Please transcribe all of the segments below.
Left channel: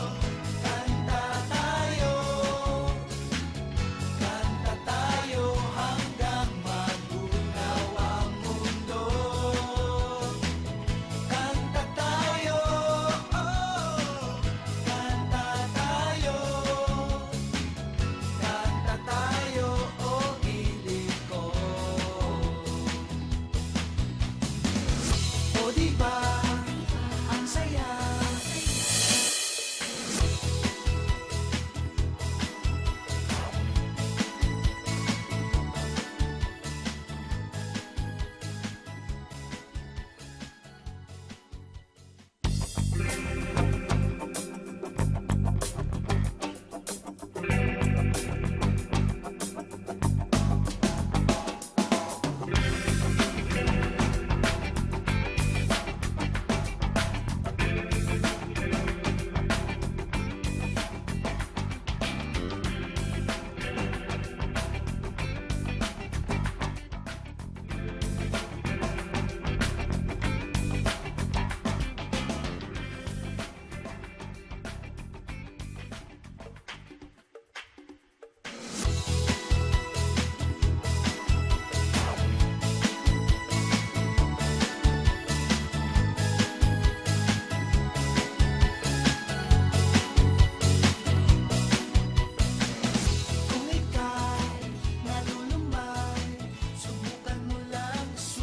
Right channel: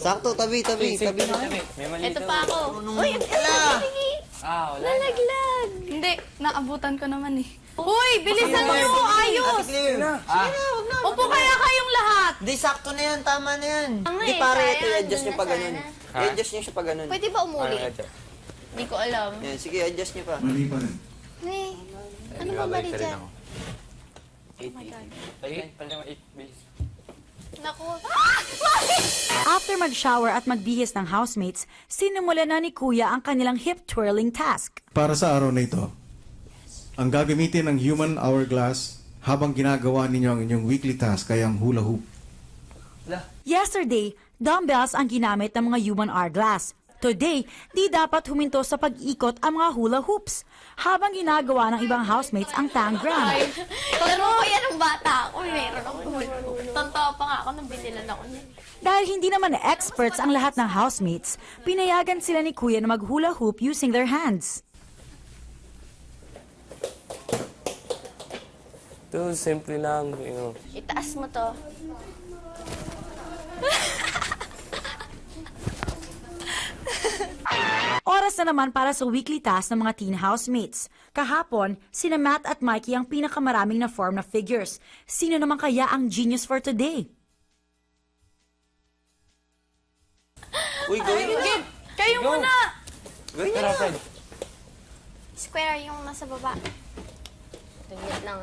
Sakto, tabi mo. Ito pa ako. Uy, nalaglag. Hindi, naabutan ko naman eh. Uy, bilisan mo, ayos. Upo kaya kayong lahat. Di, sakto na yan, tama na yan. Di, pare, i-adjust nyo pa ganun. I-adjust nyo siya pa ganun. Pwede ba umuli? Hindi ko alam. Sige, adjust nyo pa. Uy, ano ba mali dyan? After mag-shower at magbihis ng housemates, sinimula na ni Kuya ang kanilang hip twirling task. Para sa araw na ito, ang gagamitin ng human hourglass habang ginagawa ninyo ang inyong weekly task ay ang hula hoop. Yesterday, dumbbells ang ginamit ng mga human hourglass. Today, di dapat huminto sa pag-ikot ang mga hula hoops habang ginagawa ng ibang housemates ang tang ground. Ay, pero ko yan ang bata. Uy, meron ako. Tatawa pa nga ako. Nagsisilad ako. Dahil hindi naman experts ang lahat ng housemates, pinayagan sila ni Kuya na mag-hula hoop using their hands. Yung simple lang. Itaas mo to. Oras na naman para sa weekly task ng mga teen housemates. Kahapon, sina Matt at Mikey ang pinakamaraming na form of figures. Sino naman kaya ang genius for today? Sige, kayo muna. Fred. Square yung nasa baba. Lang.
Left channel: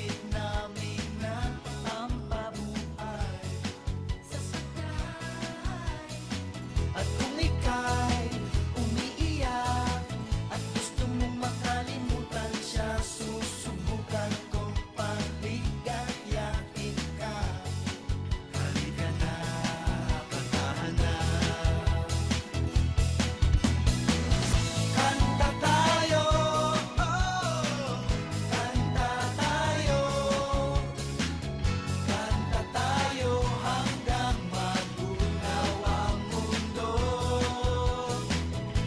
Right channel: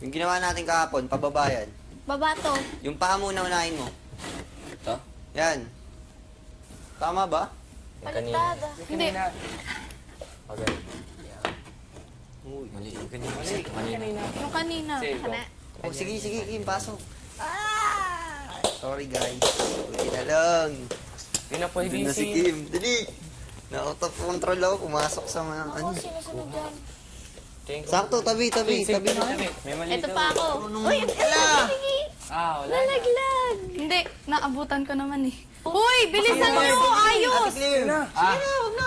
Yung ginawa natin kahapon, pababa yan. Baba to. Yung paa muna unahin mo. Ito? Yan. Tama ba? Hindi. Yung kanina. Ay, sige, pasok. Sorry guys. Hindi na lang. Hindi na pwede Hindi na si Kim. Dali. Nakotop control ako, pumasok sa mga... Sakto, tabi mo. Ito pa ako. Uy, nalaglag. Hindi, naabutan ko naman eh. Uy, bilisan mo, ayos.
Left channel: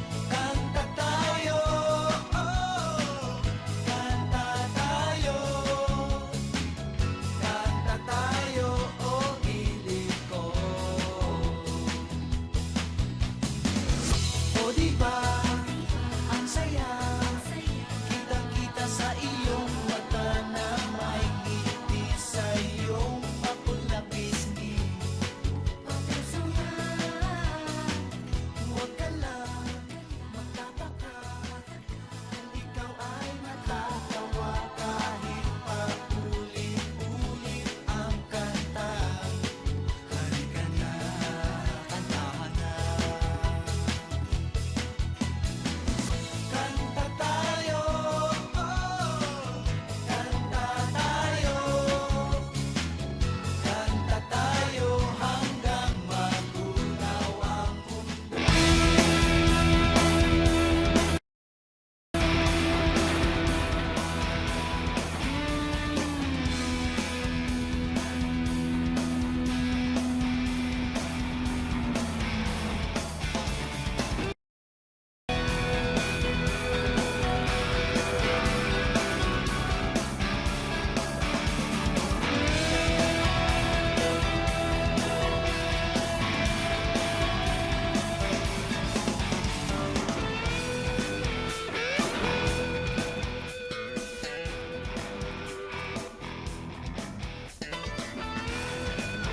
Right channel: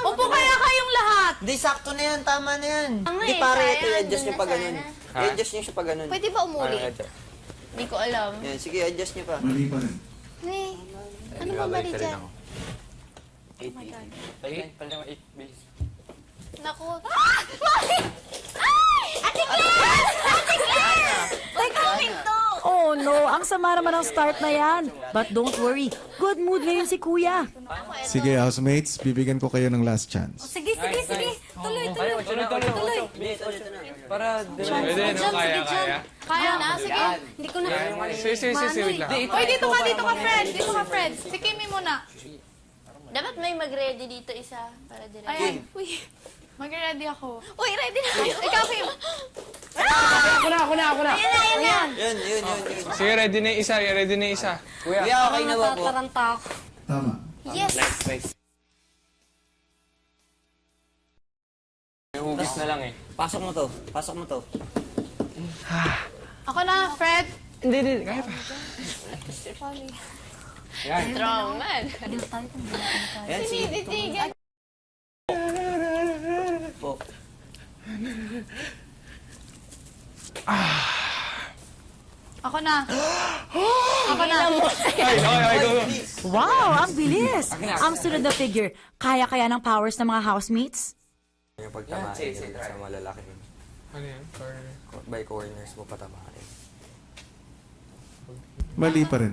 Upo kaya kayong lahat. Di, sakto na yan, tama na yan. Di, pare, i-adjust nyo pa ganun. I-adjust nyo siya pa ganun. Pwede ba umuli? Hindi ko alam. Sige, adjust nyo pa. Uy, ano ba mali dyan? Ate Claire! Ate Claire! May kaminto! Oh no, ang sama naman ang start na yan. But don't worry, good mood ngayon si Kuya. Sige, housemates, bibigyan ko kayo ng last chance. Sige. Tuloy. Para Pwede, no? Kaya. Kaya na, sige. Hindi ko na. Sige, wait lang. Uy, dito ka, Fred. Si Kimi muna. Dapat may mag-ready dito isa. Ayan. Mag-ready ako. Uy, ready na kayo. Ikaw, Kim. Ako na. Ayan. Yun. Sige, ready na yung isa. Kuya, okay na ba mo? Taranta. Tama. Yes. Nice. Basta lang. Pasok mo to. Ako na, Fred. Hindi. Strong man. Sinitigan. Ako na. Wow, ang bilis! Ang sunod na figure, kaya ng powers ng mga housemates? Mali pa rin.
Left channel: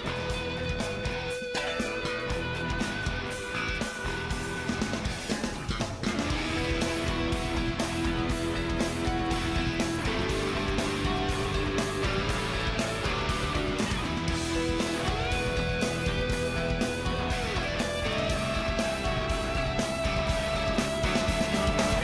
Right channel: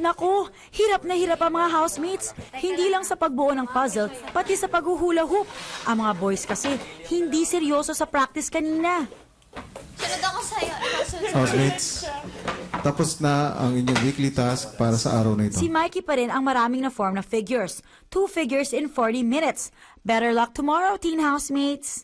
Naku, hirap na hirap ang mga housemates. Hindi lang sa pagbuo ng puzzle, pati sa paghuhula hoop. Ang mga boys kasi, hindi seryoso sa practice kanina. Sunod ako sa'yo. Housemates, tapos na ang inyong weekly task para sa araw na ito. Si Mikey pa rin ang maraming na form ng figures. 2 figures in 40 minutes. Better luck tomorrow, team housemates!